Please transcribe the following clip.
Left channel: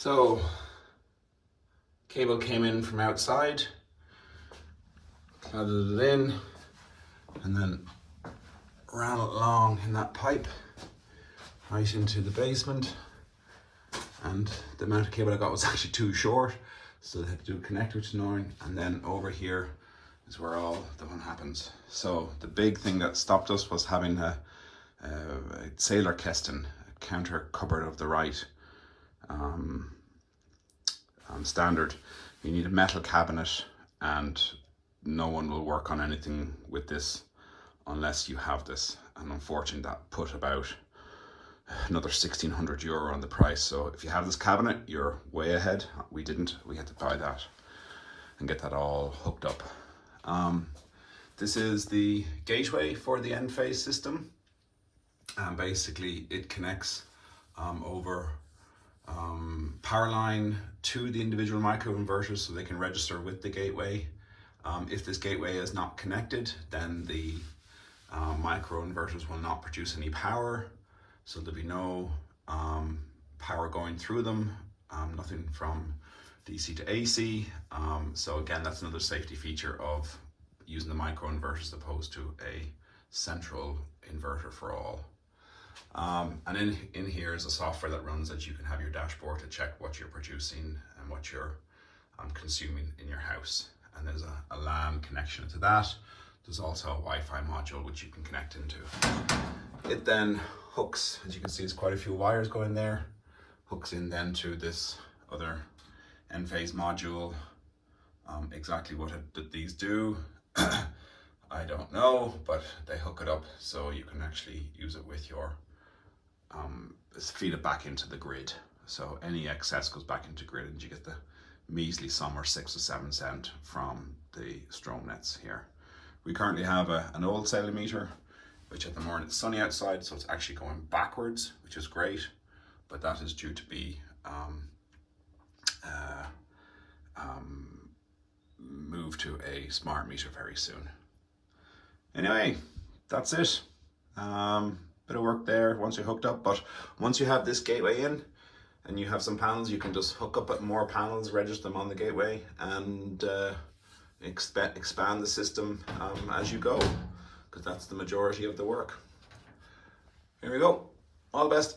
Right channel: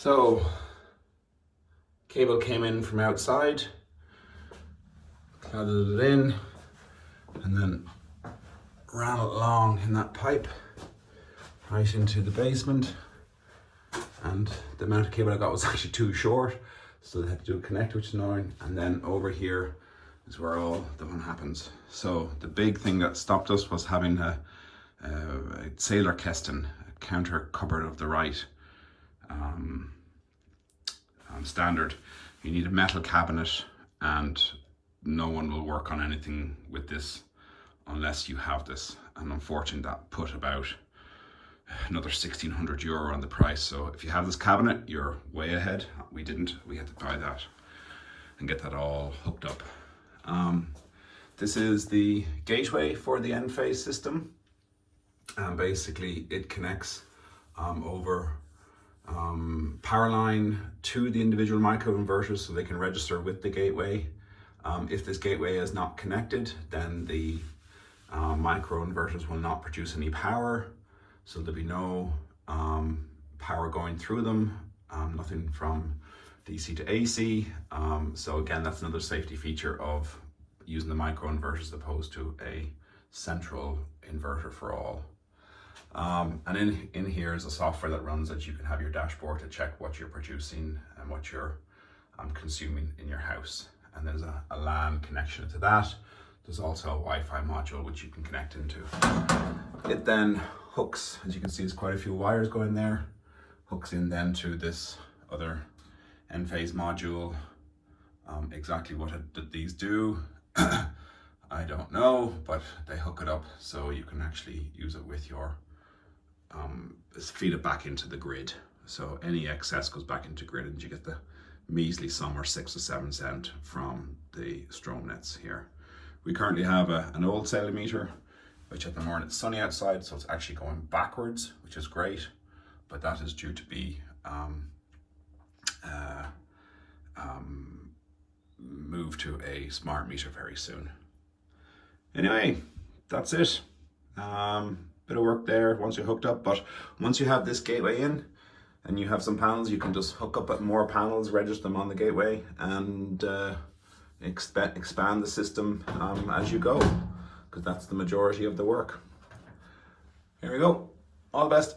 So, cable came in from outside, threaded it in, and then ran it along in that pipe right into the basement. And the amount of cable I got was actually too short, so they had to do a connect, which is annoying. And then over here is where all the fun happens. So the big thing that stopped us was having a Sailor Keston, a counter cupboard of the right standard. You need a metal cabinet, and no one will work on anything with this unless you have this. And unfortunately that put about another €1,600 on the price. So if you have this cabinet, you're way ahead. We didn't. We had to buy that and get that all hooked up. This is the gateway for the Enphase system, and basically it connects over power line to the individual microinverters so they can register with the gateway. If this gateway is not connected, then the microinverters will not produce any power, so there'll be no power going through them, nothing from DC to AC. So again, that's another safety feature of using the microinverter as opposed to a central inverter for all. And in here is a software that runs that you can have your dashboard to check what you're producing and what you're consuming in your house. And there's a LAN connection to that. There's also a Wi-Fi module which you can connect into. It then hooks, as you can see, there's quite a few wires going there, hooks in then to this other Enphase module. Exactly what these do, I don't know, but they hook it up so you can actually use it with your, feed it back into the grid. So any excess goes back into grid, and you get the measly sum or 6 or 7 cent from the Stromnets here. We currently have an old Sailor meter, which at the moment it's sunny outside, so it's actually going backwards, which is great, but that is due to be moved to a smart meter very soon. Anyway, that's it. Bit of work there once you're hooked up, but once you have this gateway in and you have some panels, you can just hook up more panels, register them on the gateway, and expand the system as you go, because that's the majority of the work. Here we go. All the best.